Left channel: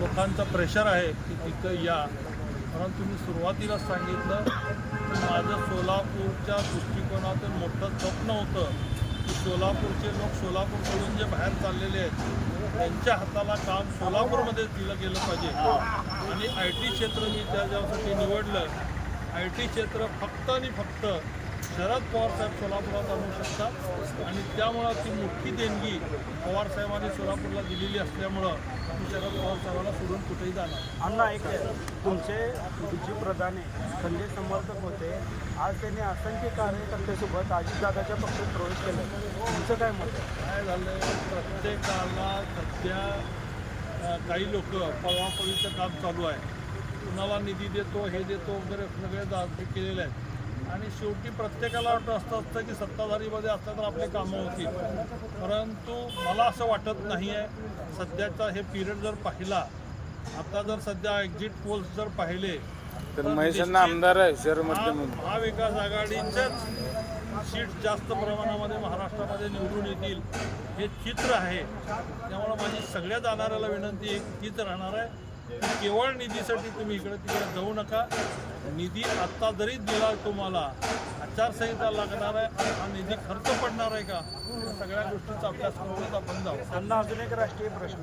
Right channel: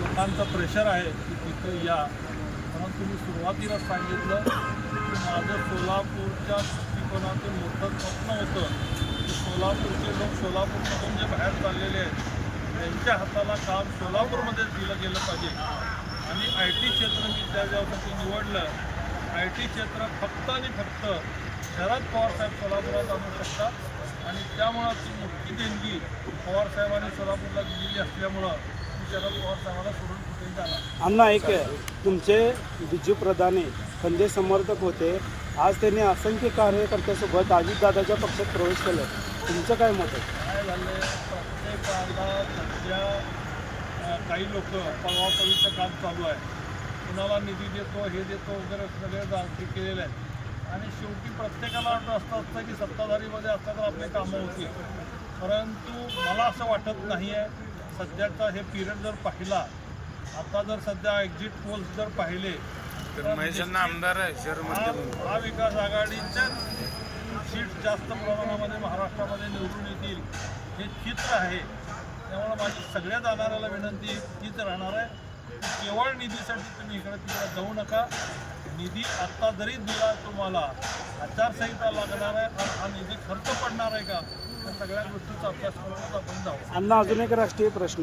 लोकांचा प्रेशर आहे की तिथं या परंतु मी सुरुवातीला सांगितलं की माझं सोलापूरच्या दृष्टिकोनातून मोठं स्वप्न होतं की सोलापूरचे लोक सोलापूरकडून जे बाहेर चाललेले आहेत त्यांच्या हाताला काम सोलापूरमध्येच दिलं गेलं पाहिजे आणि आय टी क्षेत्र मी त्या ज्यासाठी निवडलं आय टी क्षेत्र फक्त आणि फक्त शरद पवारसाहेब सोलापुरात आणू शकतात आणि त्यामुळं ती मोठी देणगी पवारसाहेबांनी सोलापूरला दिलेली असल्यामुळं शरद पवार साहेबांना सोडून कुठेही झाला अण्णा एक तुमचे बिजू प्रधाने संजय समर्थक होते आज त्यांनी असंख्य कार्यकर्त्यासोबत दादाच्या पक्षात प्रवेश केला तुमचं काय मत काय झालं प्रत्येकाला सध्या काही लोक पळवापळीचं काम चालू आहे कुणाला निधी देतो हे देतो वगैरे सगळे हे केलेले आहेत आणि शेवटी प्रत्येकाला वाटत असतं असतं की सत्ताधारीमध्ये असतं तर आपले कामं होतील परंतु मला असं वाटत नाही आहे सध्याचा हे पिरियड जर पाहिला आता जर सध्या एक्झिट पोल्स जर पाहिले तर महेशांना आमदार आहे शहर महाविकास आघाडीच्याच सीट जास्त प्रमाणामध्ये महाराष्ट्रामध्ये निवडून येतील हे चित्र आहे त्यामुळे माझी सगळ्या जाणाऱ्याला विनंती हीच राहणार आहे की केवळ निधीसाठी तुम्ही इकडे तिकडे जाऊ नका निधी आत्ता जरी दिला तुम्हाला आचारसंहिता लागणार आहे आणि हा निधी खर्च पडणार आहे का या सगळ्या गोष्टींचा अभ्यास करूनच आपण जाऊ त्यांना अजून एक राष्ट्रीय प्रश्न